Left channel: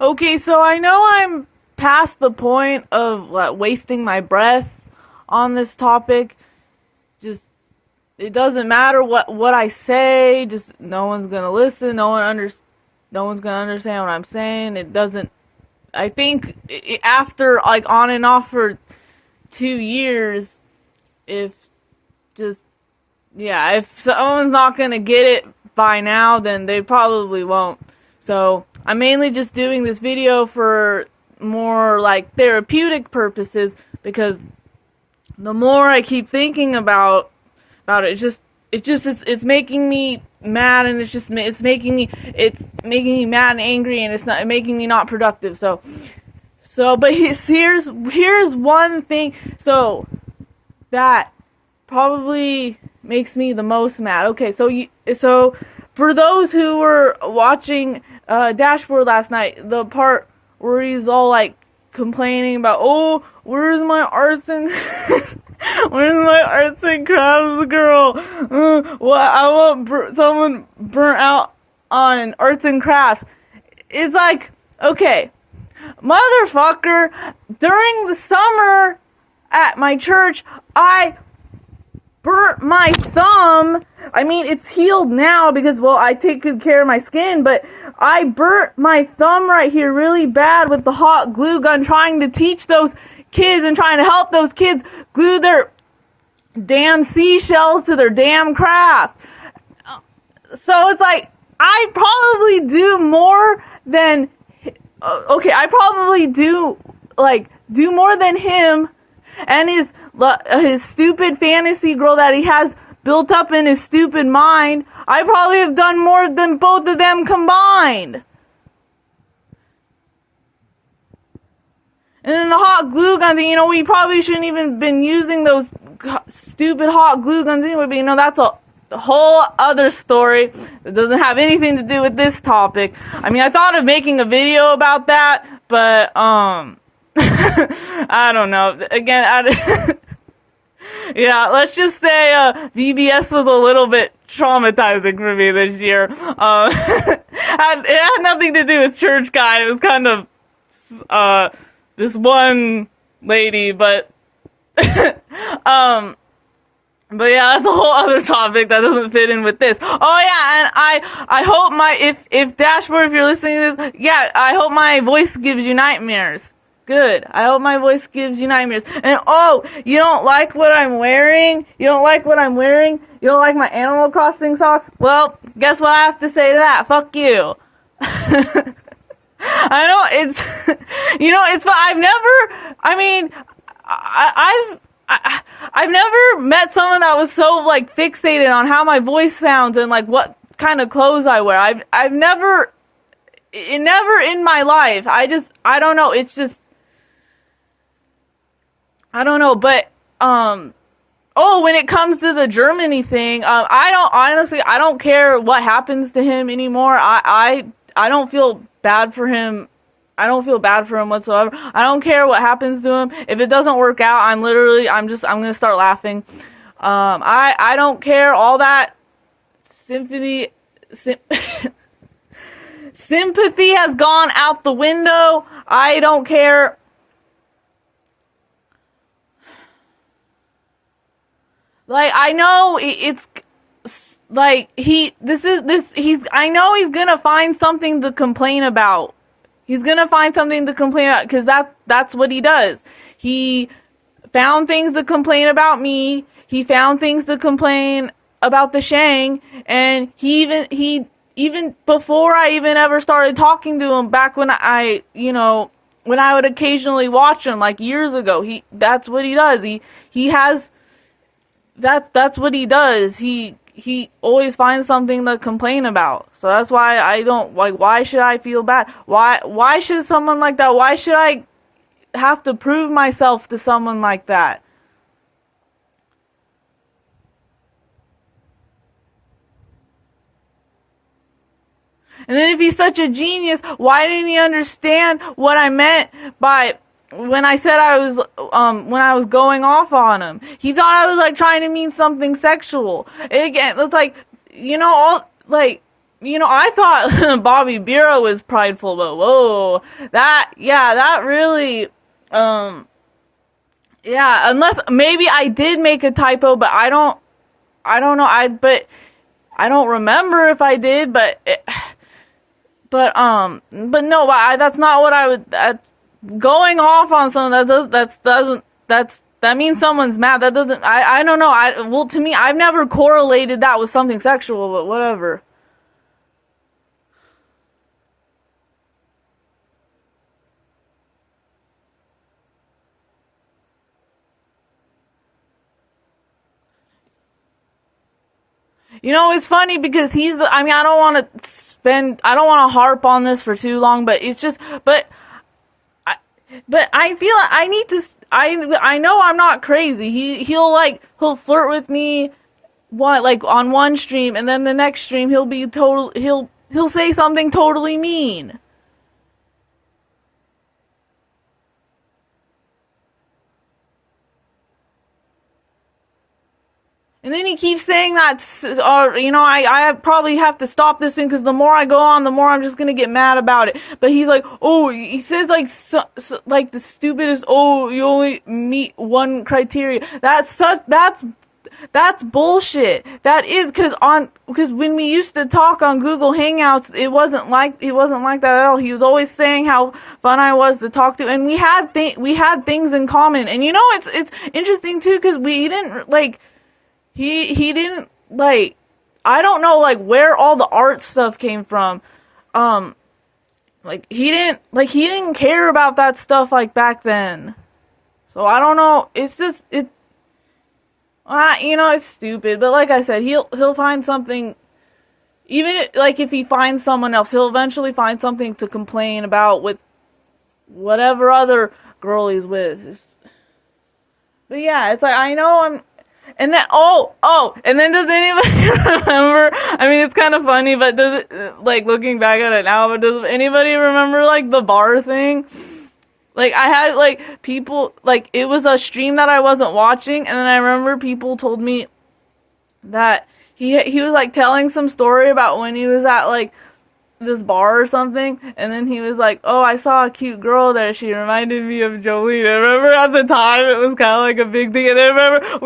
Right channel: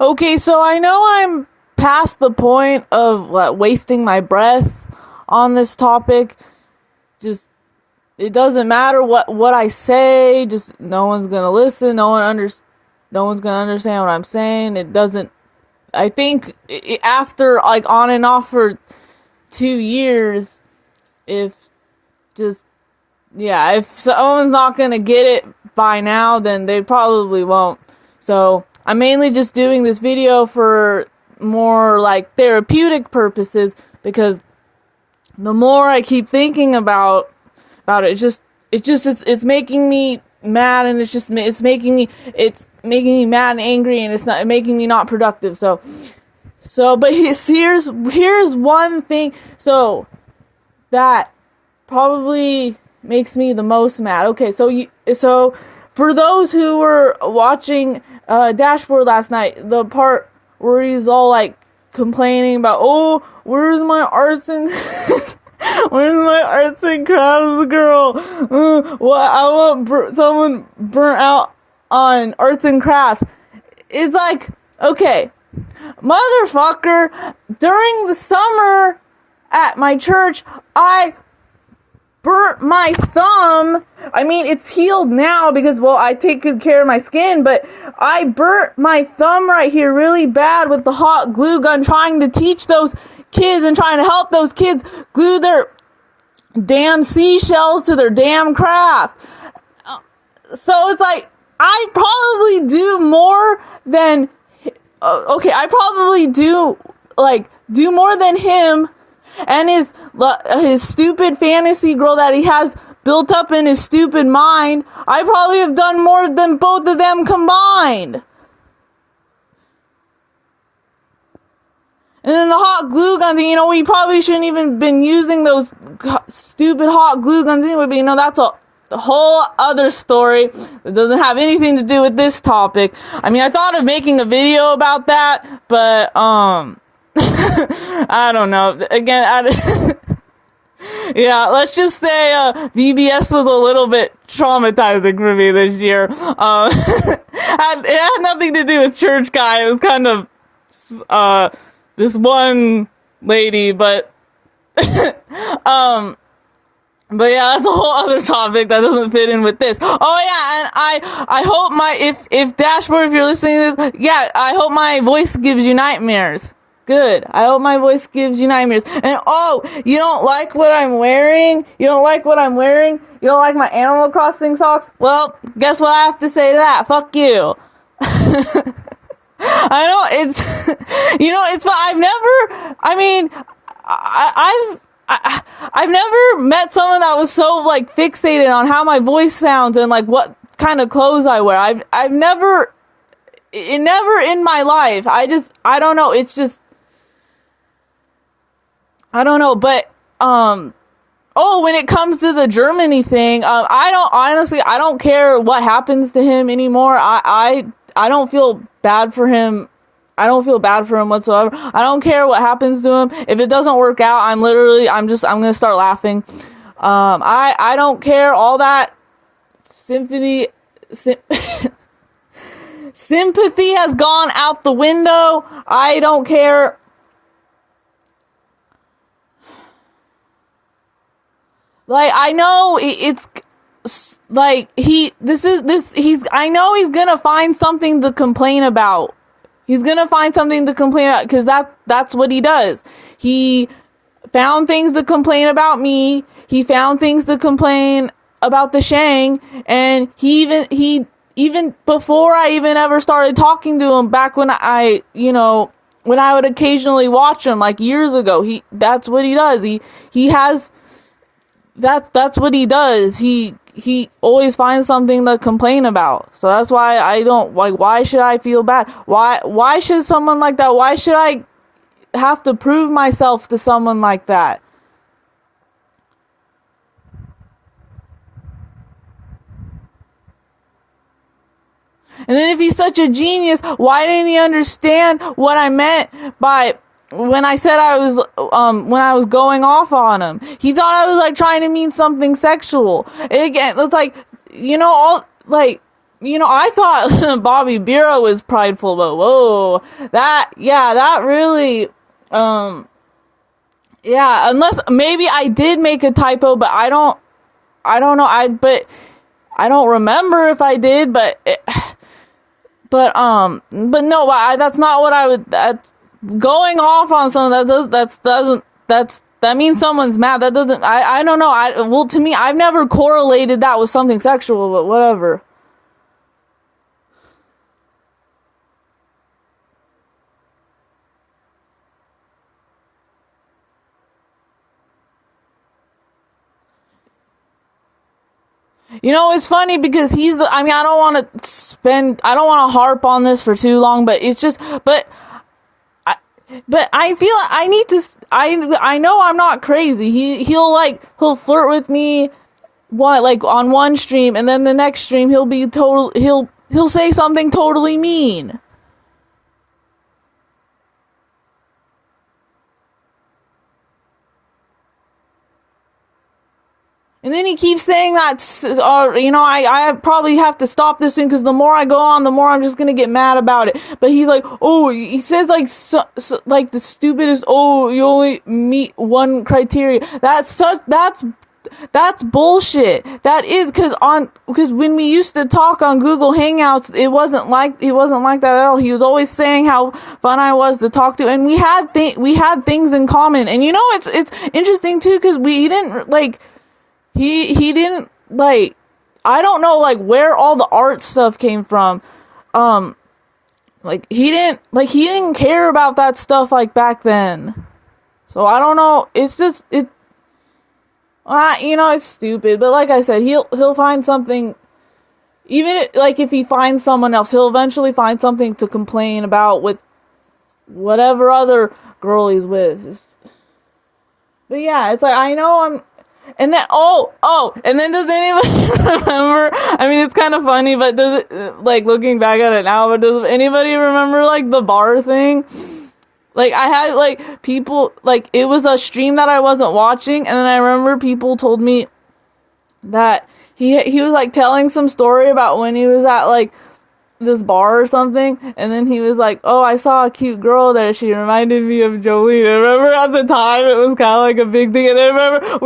Okay, so I know I'm past the point of wasting my breath on this topic. Just it doesn't matter what I say. Just no one's gonna listen. No one's gonna understand what I'm saying. It doesn't. I think after like on and off for 2 years, if just yeah, if someone's not gonna get it by now, then they probably won't. So I'm mainly just doing this video for more like therapeutic purposes, because the more I keep thinking about it, it's making me mad, and it's making me mad and angry, and it's not making me not productive. But here's one thing. So that probably makes me the most mad. Okay, so for those who were watching Dashboard last night, the part where he's all like complaining about, oh, where's my arts and where's my arts and crafts girl? I want someone burnt out on arts and crafts. It's like, okay, motherfucker, during the summer at my church, I burnt my thumb. I mean, it's healed now because, well, I take good care of my skin, but I burnt my thumb right here really bad with the hot glue gun, trying to teach those kids and trying to help those kids glue their damn seashells to their damn craft. So it's like, I probably do more than, I probably do more than him and his stupid fantasy girl that he has built up in his stupid mind. I probably have done more than both of them combined. And then the hot glue guns, we probably shouldn't even been using those stupid hot glue guns anyway, but that's a whole other story that doesn't have anything to do with this topic. I mean, I thought of making a video about that, but, I don't know. Again, yeah, let's just say VBS was a little bit traumatizing for me this year. It had nothing to do with church guy. It was kind of this one lady, but but yeah, that's a whole other topic that doesn't fit in with this. Oh yeah, and I hope if Dashboard, if you're listening to this, yeah, I hope my voice gives you nightmares. Good. I hope my voice gives you nightmares. And oh, you don't like what I'm wearing? You don't like what I'm wearing? You don't like my Animal Crossing socks? Well, guess what I have to say to that? Fuck you. I've never met someone that was so like fixated on how my voice sounds and like what kind of clothes I wear. I've never in my life. I don't know. It's just, I don't know, but, when it comes to the Germany thing, I don't care what happens to him anymore. I don't feel bad for him. I don't feel bad for him whatsoever. I don't care what happens to him. If it doesn't work out, I'm going to start laughing. I don't care. All that sympathy has gone out the window. I don't care. Like, I know it's like I know he's gonna find something to complain about. He's gonna find something to complain about, because that's what he does. He found things to complain about me. He found things to complain about the Shang, and he even before I even ever started talking to him, back when I would occasionally watch him like years ago, that's what he does. That's what he does. He always finds something to complain about. So that's why I don't like, why should I feel bad? Why should someone like that? Why should I have to prove myself to someone like that? And then if he's such a genius, why didn't he understand what I meant by when I said when I was going off on him? He thought I was like trying to mean something sexual. Again, it's like, I thought Bobby Bira was prideful, but whoa, that really, um, yeah, unless maybe I did make a typo, but I don't know, but I don't remember if I did, but no, that's not what I would, that's going off on someone that means someone's mad. That doesn't, I don't know, well, to me, I've never correlated that with something sexual, but whatever. It's funny because I mean, I don't want to harp on this for too long, but it's just, but I feel I need to, I know I'm not crazy. He'll flirt with me, like on one stream, and then the next stream he'll say something totally mean. And then he keeps saying that, I probably have to stop this thing because the more I go on, the more I'm just gonna get mad about it. But he's like, oh, he says like, like the stupidest, oh, you only meet one criteria. That's bullshit. That is because when we used to talk on Google Hangouts, it wasn't like that at all. He was always saying how fun I was to talk to, and we had things in common. And it's interesting too because we didn't like. He didn't like, I don't know like where all the art stuff came from. He didn't care about that stuff like back then. So I don't know. It's just it's stupid. But like I said, he'll find something. Even if he finds someone else, he'll eventually find something to complain about with whatever other girl he's with. But yeah, it's like I know I'm. And then, and then does anybody remember, I mean, it's kind of funny, but does it, like, looking back at it now, but does anybody remember, like, the bar thing? Like, I had, like, people, like, it was a stream that I wasn't watching, and then I remember people told me that he was, like, telling some story about when he was at, like, this bar or something, and then he was like, oh, I saw a cute girl there, she reminded me of Jolene. I remember at the time it was kind of like a big thing, and then I remember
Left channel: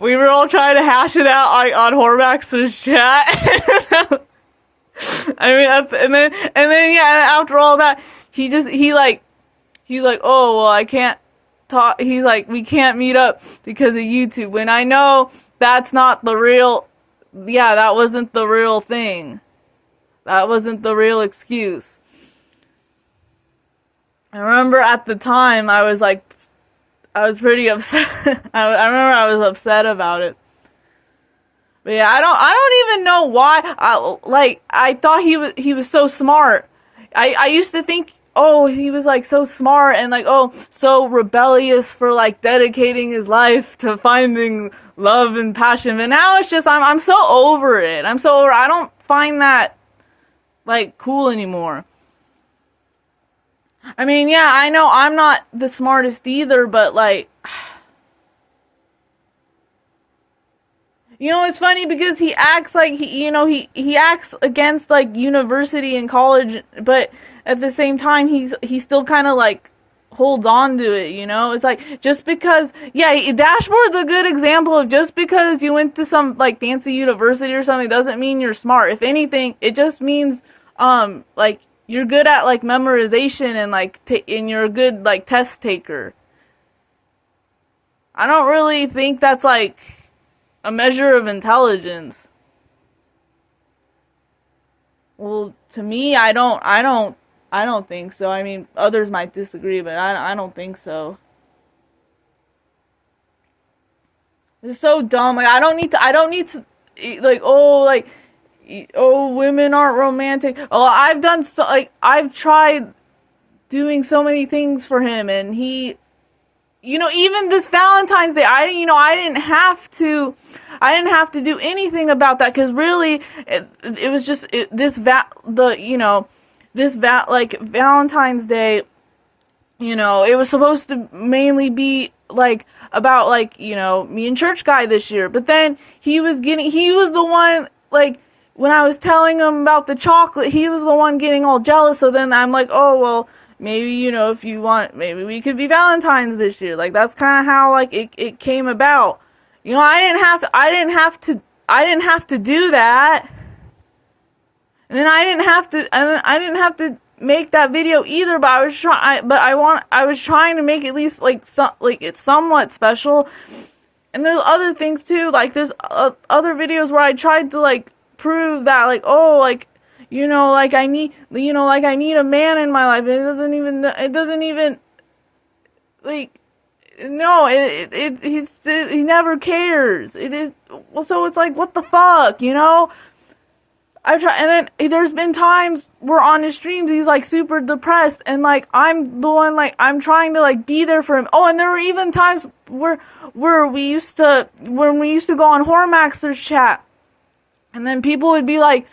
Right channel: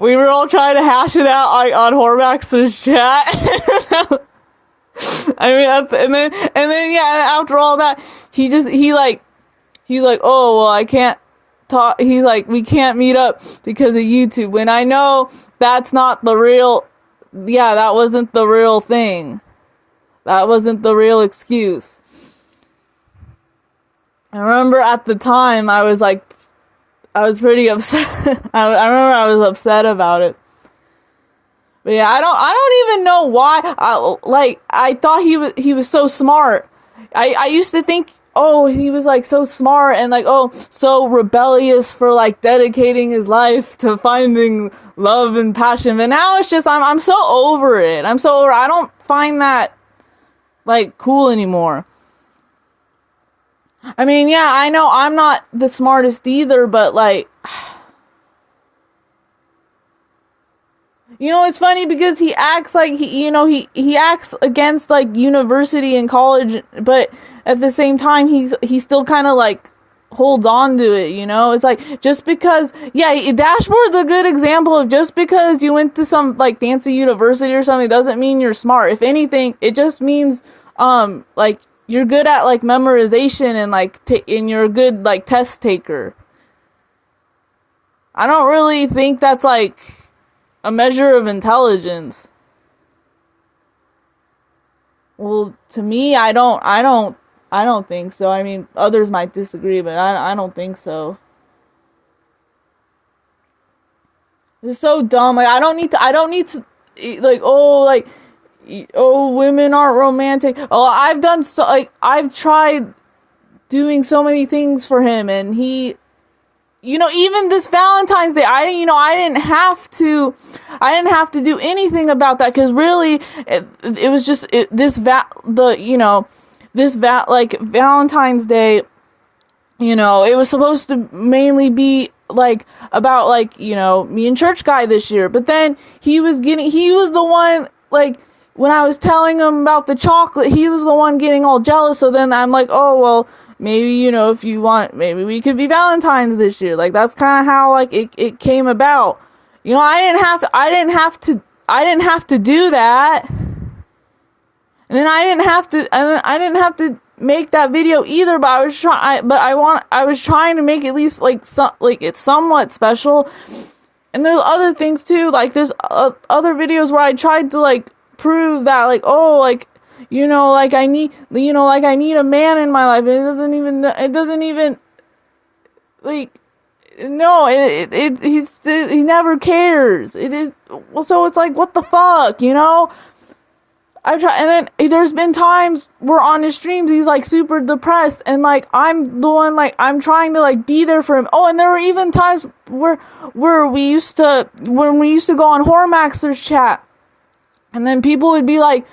we were all trying to hash it out like on Horvax's chat. I mean, and then yeah, after all that, he's like, oh, well, I can't talk, he's like, we can't meet up because of YouTube, when I know that's not the real, that wasn't the real thing. That wasn't the real excuse. I remember at the time I was pretty upset. I remember I was upset about it. But yeah, I don't even know why. I thought he was so smart. I used to think, oh, he was like so smart and like, oh, so rebellious for like dedicating his life to finding love and passion. But now it's just I'm so over it. I don't find that like cool anymore. I mean, yeah, I know I'm not the smartest either, but like, it's funny because he acts like he acts against like university and college, but at the same time he still kind of like holds on to it, It's like, just because, Dashboard's a good example of just because you went to some like fancy university or something doesn't mean you're smart. If anything, it just means like you're good at like memorization and like and you're a good like test taker. I don't really think that's like a measure of intelligence. Well, to me, I don't think so. I mean, others might disagree, but I don't think so. It's so dumb. Like, I don't need to, like, women aren't romantic. Oh, I've tried doing so many things for him, and he, even this Valentine's Day, I didn't have to do anything about that, because really, it was just, like Valentine's Day, it was supposed to mainly be like about like, me and church guy this year, but then he was the one like when I was telling him about the chocolate, he was the one getting all jealous. So then I'm like, oh, well, maybe, if you want, maybe we could be Valentine's this year. Like, that's kind of how, like, it came about. I didn't have to do that. And then I didn't have to make that video either, but I was trying to make at least like it's somewhat special. And there's other things too, like there's other videos where I tried to like prove that like, oh, like, like I need a man in my life. It doesn't even like, no, he never cares. It is, well, so it's like, what the fuck, I've tried, and then there's been times where on his streams he's like super depressed, and like I'm the one, like I'm trying to like be there for him. Oh, and there were even times where when we used to go on Horror Maxer's chat, and then people would be like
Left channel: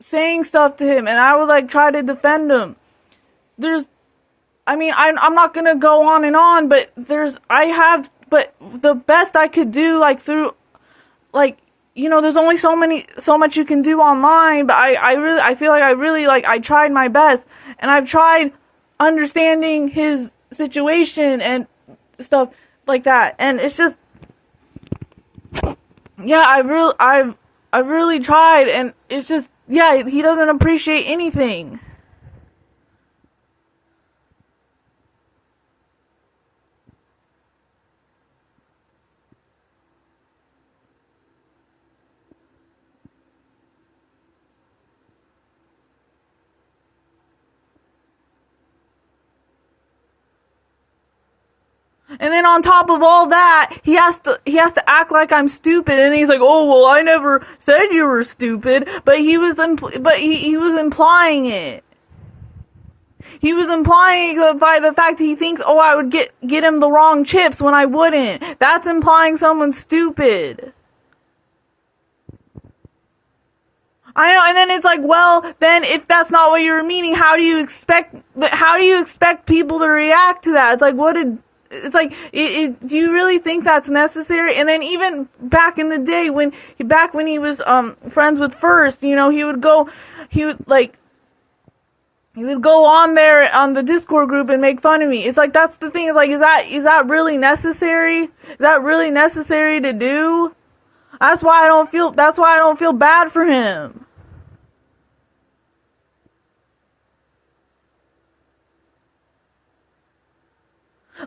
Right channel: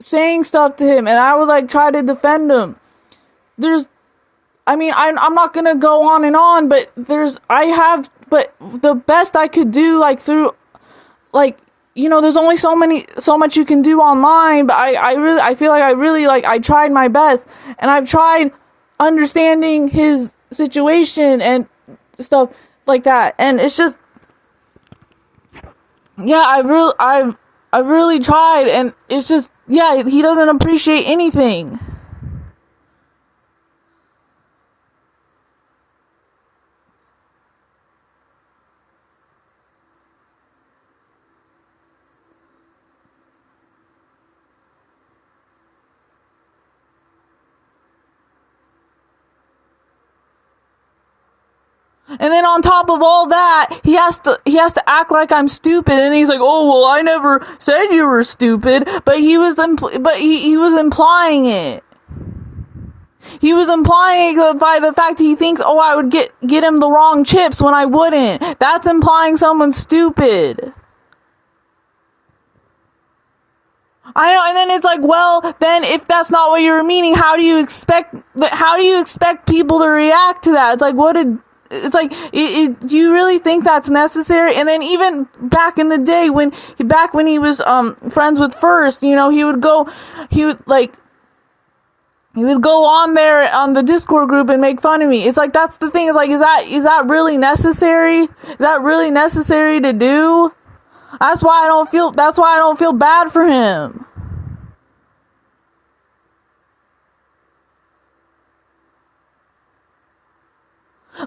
saying stuff to him, and I would like try to defend him. I'm not gonna go on and on, but but the best I could do, like through, like, there's only so much you can do online, but I feel like I tried my best, and I've tried understanding his situation and stuff like that, and it's just, yeah, I really tried, and it's just, yeah, he doesn't appreciate anything. And then on top of all that, he has to act like I'm stupid, and he's like, "Oh, well, I never said you were stupid," but he was implying it. He was implying it by the fact he thinks, "Oh, I would get him the wrong chips when I wouldn't." That's implying someone's stupid. I know, and then it's like, well, then if that's not what you're meaning, how do you expect people to react to that? It's like, it's like, do you really think that's necessary? And then even back in the day when he was friends with First, he would go on there on the Discord group and make fun of me. It's like, that's the thing. It's like, is that really necessary? Is that really necessary to do? That's why I don't feel bad for him.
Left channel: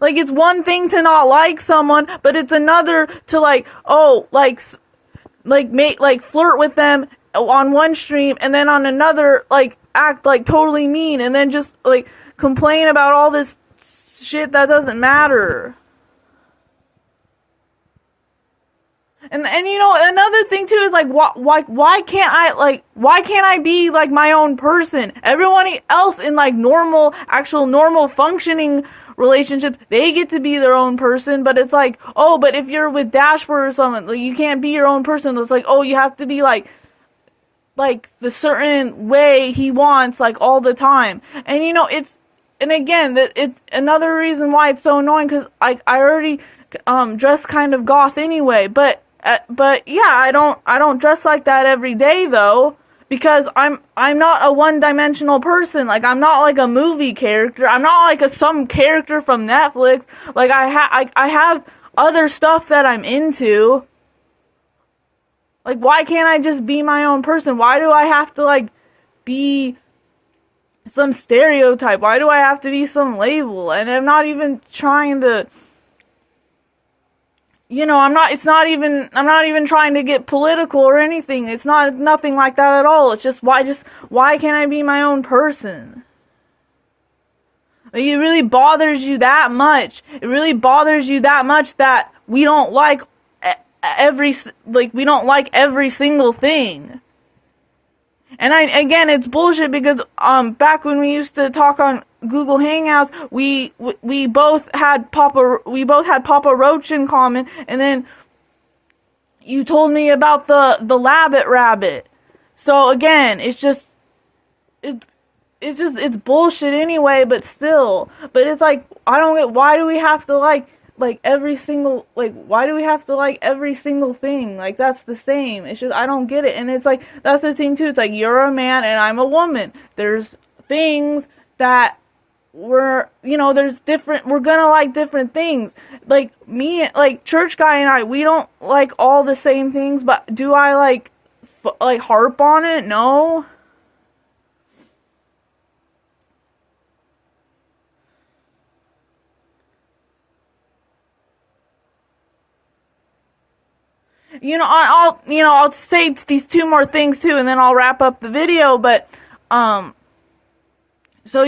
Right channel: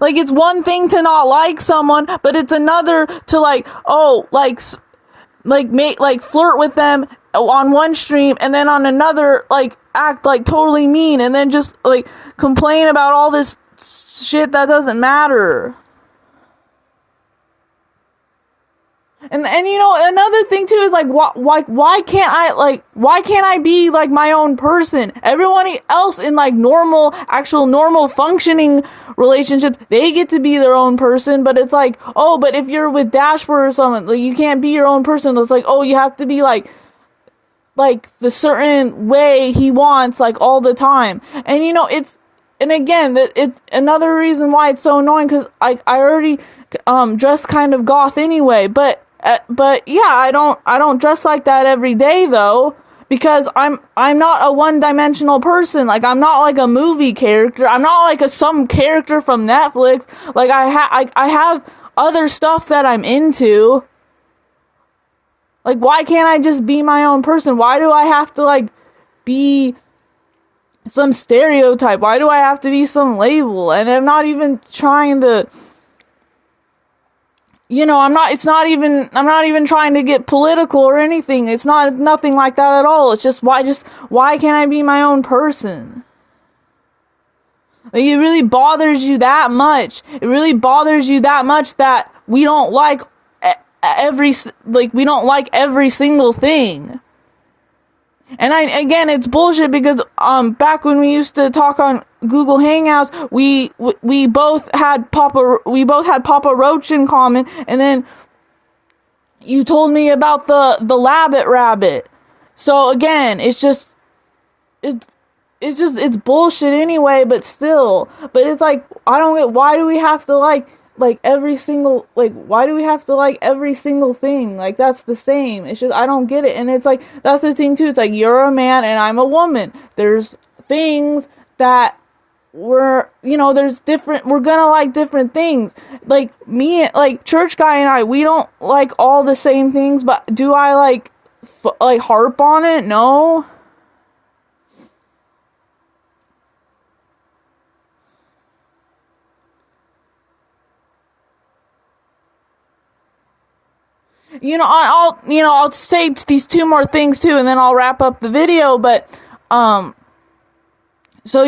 Like, it's one thing to not like someone, but it's another to like, oh, like flirt with them on one stream, and then on another, like, act like totally mean, and then just like complain about all this shit that doesn't matter. And another thing too is like, why can't I be like my own person? Everyone else in like actual normal functioning relationships, they get to be their own person, but it's like, oh, but if you're with Dashboard or someone, like, you can't be your own person. It's like, oh, you have to be like the certain way he wants, like, all the time. And and again, it's another reason why it's so annoying, because I already dress kind of goth anyway, but yeah, I don't dress like that every day though, because I'm not a one-dimensional person. Like, I'm not like a movie character. I'm not like some character from Netflix. Like, I have other stuff that I'm into. Like, why can't I just be my own person? Why do I have to like be some stereotype? Why do I have to be some label? And I'm not even trying to, I'm not even trying to get political or anything. It's nothing like that at all. It's just, why can't I be my own person? Like, it really bothers you that much. It really bothers you that much that we don't like every single thing. And again, it's bullshit, because back when we used to talk on Google Hangouts, we both had Papa Roach in common, and then you told me about the Labbit Rabbit. So again, it's bullshit anyway, but still. But it's like, I don't get, why do we have to like like every single, like, why do we have to like every single thing? Like, that's the same. It's just, I don't get it. And it's like, that's the thing too. It's like, you're a man and I'm a woman. There's things that there's different, we're gonna like different things. Like, me, like, church guy and I, we don't like all the same things, but do I like, like, harp on it? No. I'll say these two more things too, and then I'll wrap up the video. But, so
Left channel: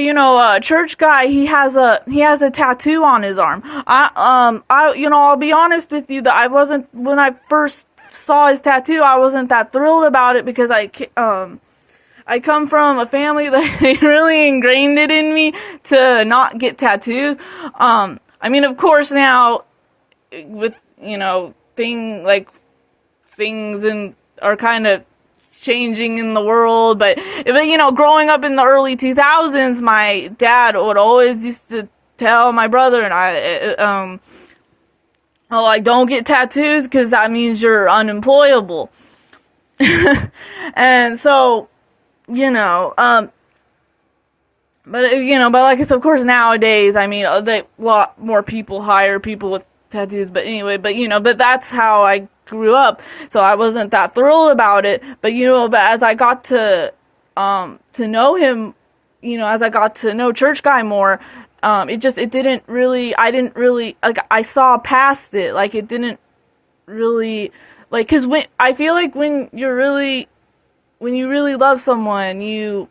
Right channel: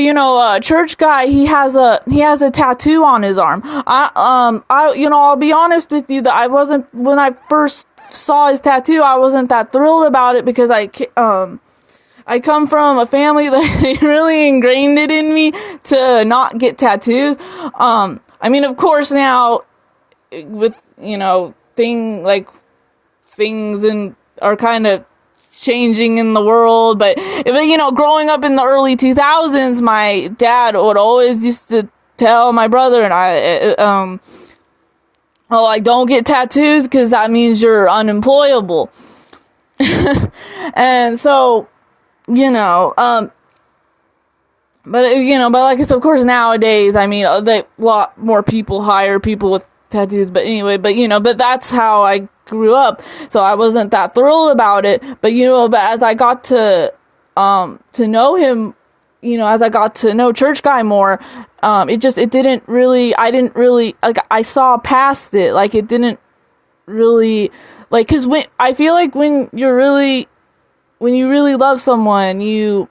church guy, he has a tattoo on his arm. I'll be honest with you that I wasn't, when I first saw his tattoo, I wasn't that thrilled about it, because I come from a family that they really ingrained it in me to not get tattoos. I mean, of course now, with things and are kind of changing in the world, but growing up in the early 2000s, my dad would always used to tell my brother and I, oh, like, don't get tattoos because that means you're unemployable. And so, but like I said, of course, nowadays, I mean, a lot more people hire people with tattoos, but anyway, but that's how I grew up, so I wasn't that thrilled about it. But but as I got to know him, as I got to know church guy more, I didn't really, like, I saw past it. Like, it didn't really, like, because I feel like when you really love someone, you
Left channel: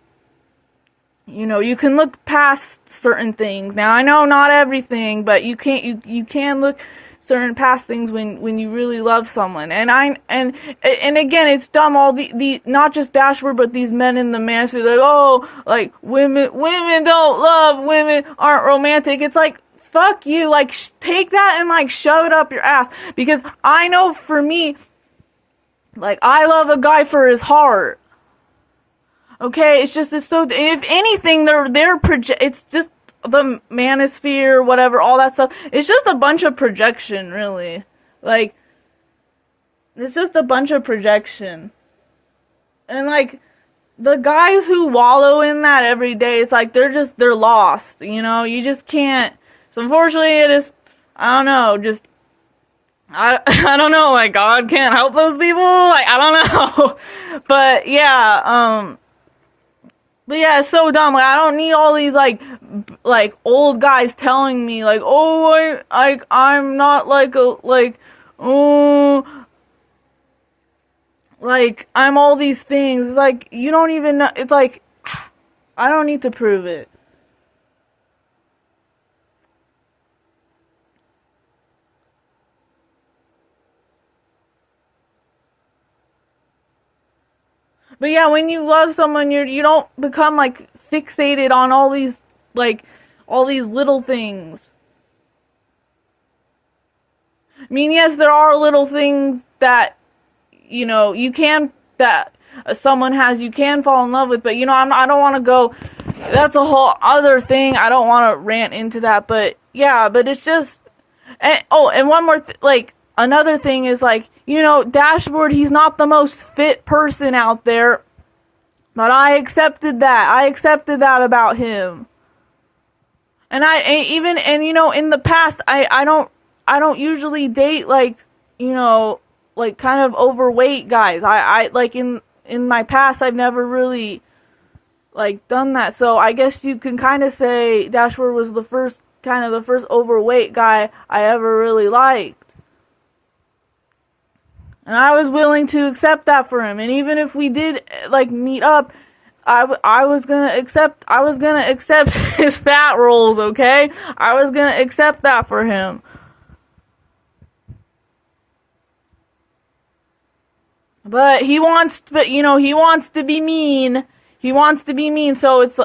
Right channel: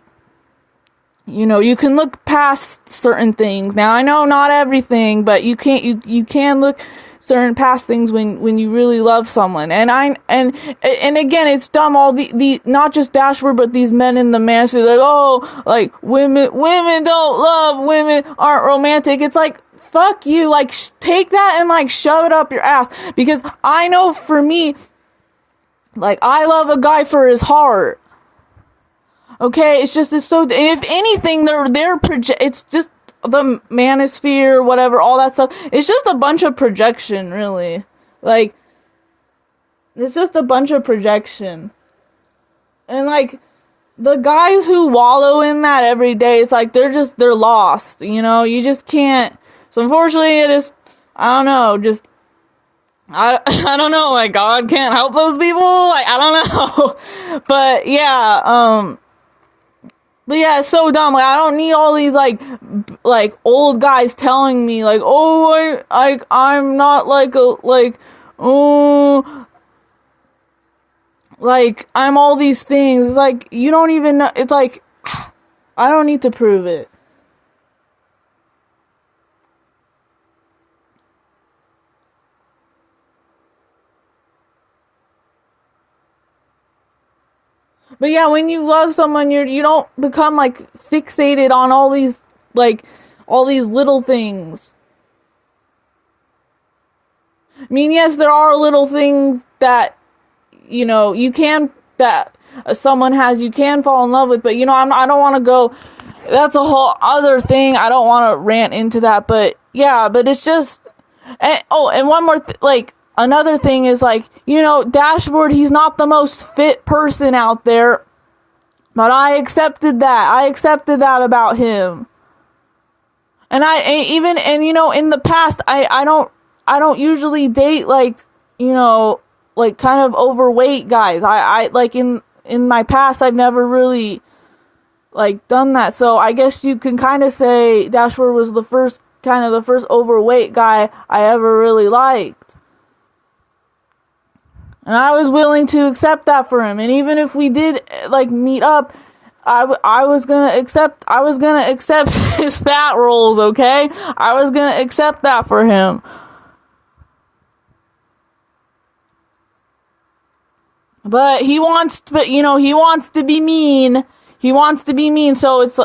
can look past certain things. Now, I know not everything, but you can look certain past things when you really love someone. And again, it's dumb, all the not just Dashboard, but these men in the manosphere, like, oh, like, women don't love, women aren't romantic. It's like, fuck you. Like, take that and, like, shove it up your ass. Because I know, for me, like, I love a guy for his heart. Okay, it's so, if anything, it's just the manosphere, whatever, all that stuff. It's just a bunch of projection, really. Like, it's just a bunch of projection. And, like, the guys who wallow in that every day, it's like, they're lost, you just can't. So, unfortunately, I don't know, I don't know, like, God can't help those people, like, I don't know. But, yeah, it's so dumb. Like, I don't need all these, like old guys telling me, like, oh, I'm not oh, like, I'm all these things. It's like, you don't even know. It's like, I don't need to prove it. But yeah, when you love someone, you don't become, like, fixated on all these little things. I mean, yes, there are little things that, that someone has, you can fall in love with, but, I don't want to go, that's a whole other thing. I don't want to rant into that, but yeah, but it's just, and one more, another thing is, like, Dashboard, he's not the most fit person out there, but I accepted that. I accepted that about him. And in the past, I don't usually date, like, like, kind of overweight guys. I like, in my past, I've never really, like, done that. So I guess you can kind of say Dashboard was the first overweight guy I ever really liked. And I was willing to accept that for him. And even if we did, like, meet up, I was gonna accept his fat rolls, okay? I was gonna accept that for him. But he wants to be mean. He wants to be mean, so it's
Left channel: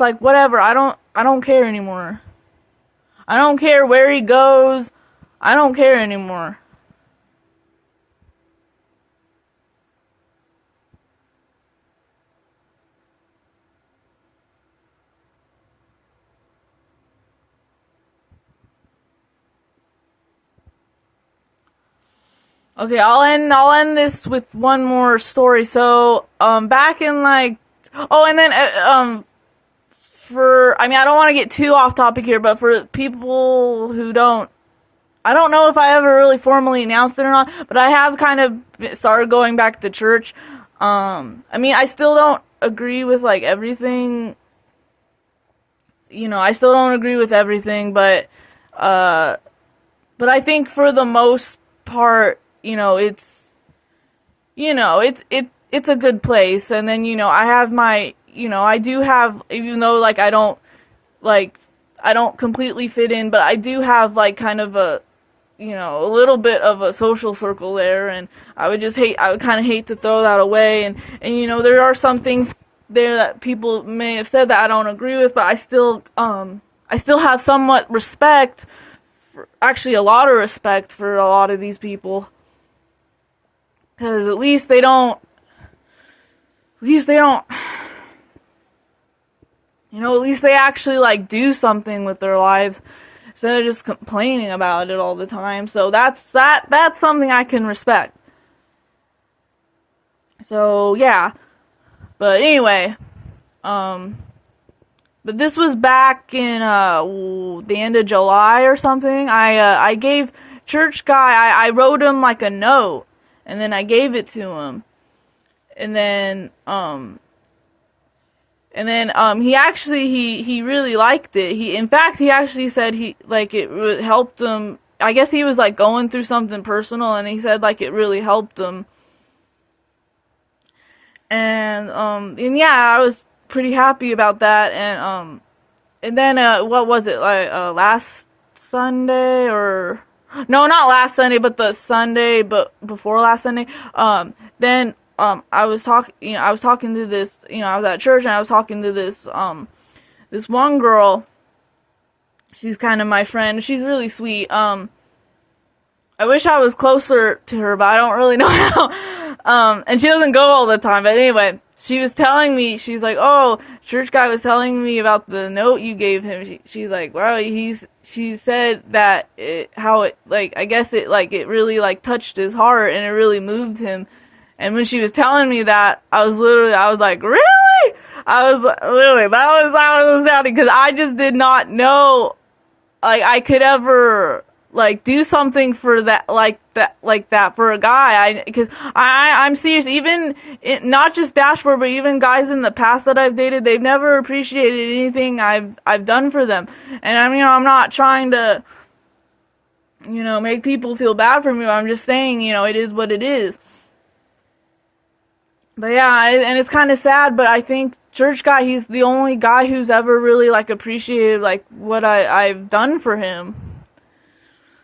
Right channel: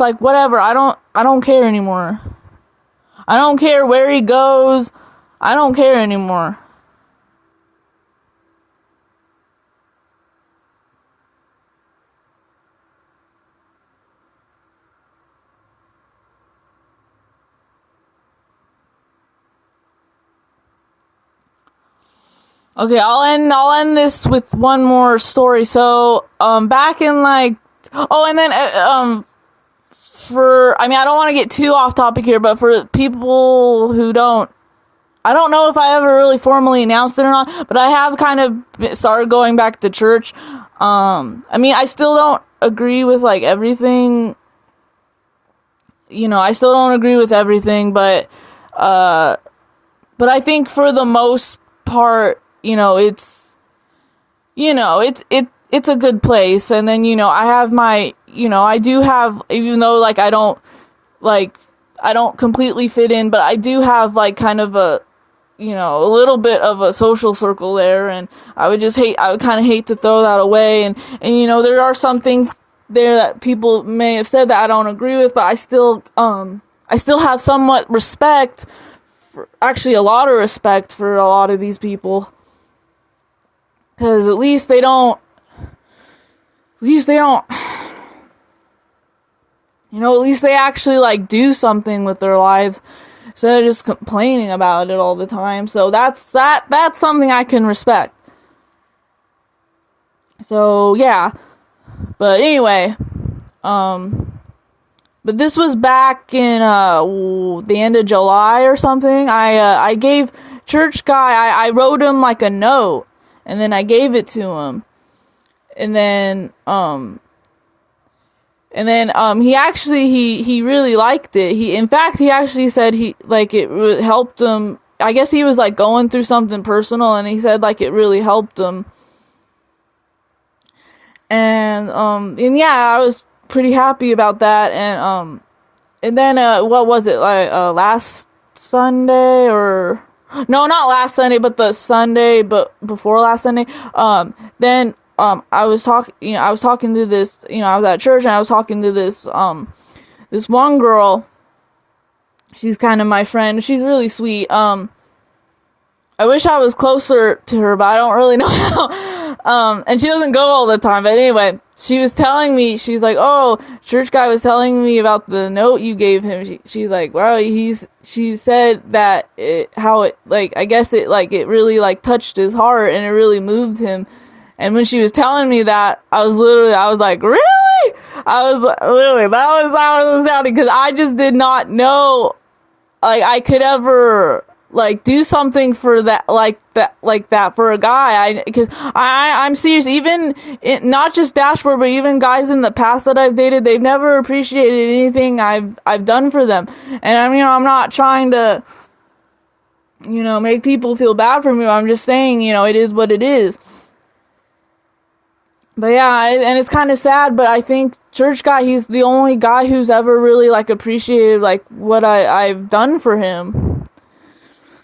like, whatever. I don't care anymore. I don't care where he goes. I don't care anymore. Okay, I'll end this with one more story. So, back in like, oh, and then for, I mean, I don't want to get too off topic here, but for people who don't, I don't know if I ever really formally announced it or not, but I have kind of started going back to church. I mean, I still don't agree with like everything. I still don't agree with everything, but I think for the most part, it's a good place. And then, I have I do have, even though like like I don't completely fit in, but I do have like kind of a little bit of a social circle there. And I would kind of hate to throw that away. And there are some things there that people may have said that I don't agree with, but I still have somewhat respect, actually a lot of respect for a lot of these people. Because at least they don't, at least they actually like do something with their lives instead of just complaining about it all the time. So that's something I can respect. So yeah. But anyway, but this was back in the end of July or something. I gave church guy, I wrote him like a note, and then I gave it to him. And then he really liked it. In fact, he actually said it helped him. I guess he was like going through something personal, and he said like it really helped him. And yeah, I was pretty happy about that. And then what was it, like last Sunday, or no, not last Sunday, but the Sunday but before last Sunday. Then I was talking to this, I was at church, and I was talking to this one girl. She's kind of my friend. She's really sweet. I wish I was closer to her, but I don't really know how. And she doesn't go all the time. But anyway, she was telling me, she's like, oh, church guy was telling me about the note you gave him. She's like, wow, she said that I guess it really like touched his heart, and it really moved him. And when she was telling me that, I was like, really? I was sounding, because I just did not know, like, I could ever like do something for that, like that for a guy. Because I'm serious. Even not just Dashboard, but even guys in the past that I've dated, they've never appreciated anything I've done for them. And I'm not trying to make people feel bad for me. I'm just saying, it is what it is. But yeah, and it's kind of sad, but I think church guy, he's the only guy who's ever really like appreciated like what I've done for him.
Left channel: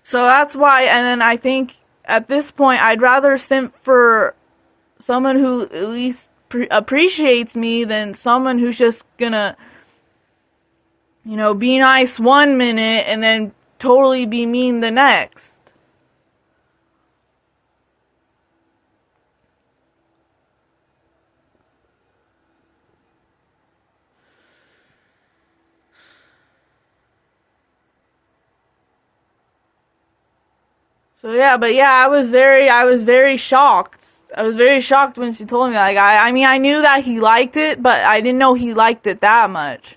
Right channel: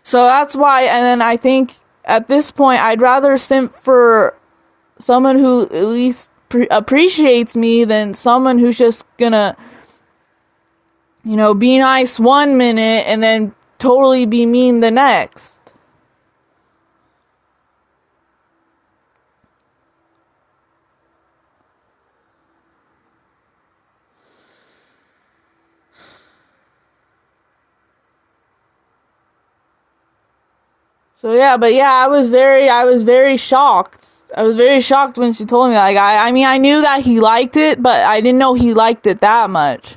So that's why. And then I think at this point, I'd rather simp for someone who at least appreciates me than someone who's just gonna, be nice 1 minute and then totally be mean the next. So yeah, but yeah, I was very shocked. I was very shocked when she told me that. Like, I mean, I knew that he liked it, but I didn't know he liked it that much.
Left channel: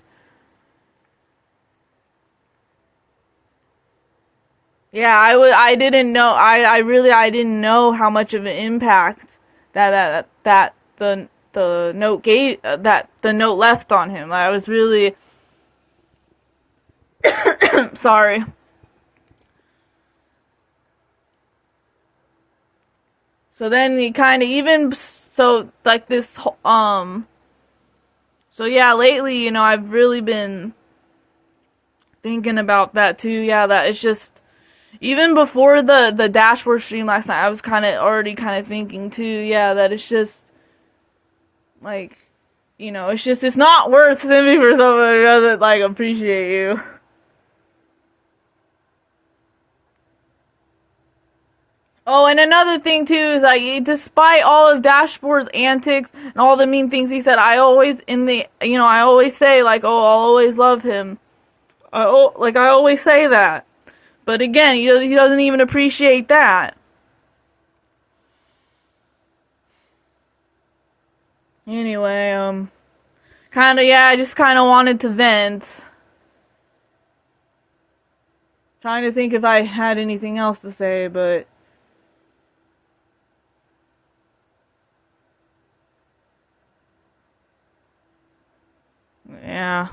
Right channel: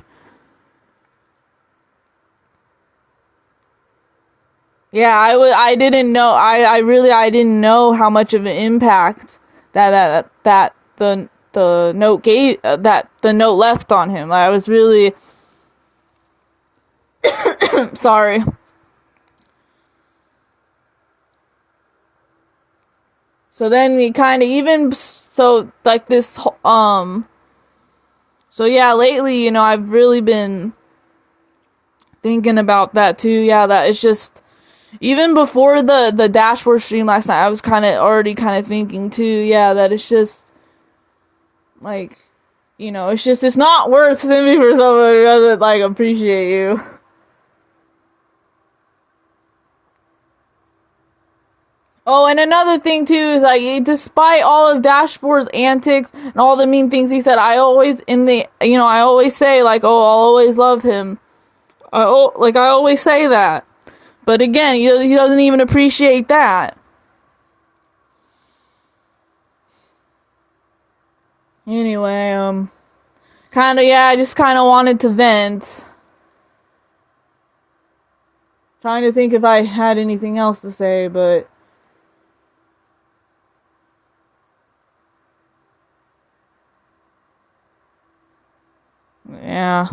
Yeah, I didn't know. I didn't know how much of an impact that the note gave, that the note left on him. I was really sorry. So then he kind of even so like this so yeah, lately, I've really been thinking about that too. Yeah, that it's just, even before the Dashboard stream last night, I was kind of already kind of thinking too. Yeah, that it's just like, it's not worth simping for someone who doesn't like appreciate you. Oh, and another thing too is like, despite all of Dashboard's antics and all the mean things he said, I always I always say like, oh, I'll always love him. I always say that. But again, he doesn't even appreciate that. Anyway, kinda, yeah, I just kinda wanted to vent. Trying to think if I had anything else to say, but yeah.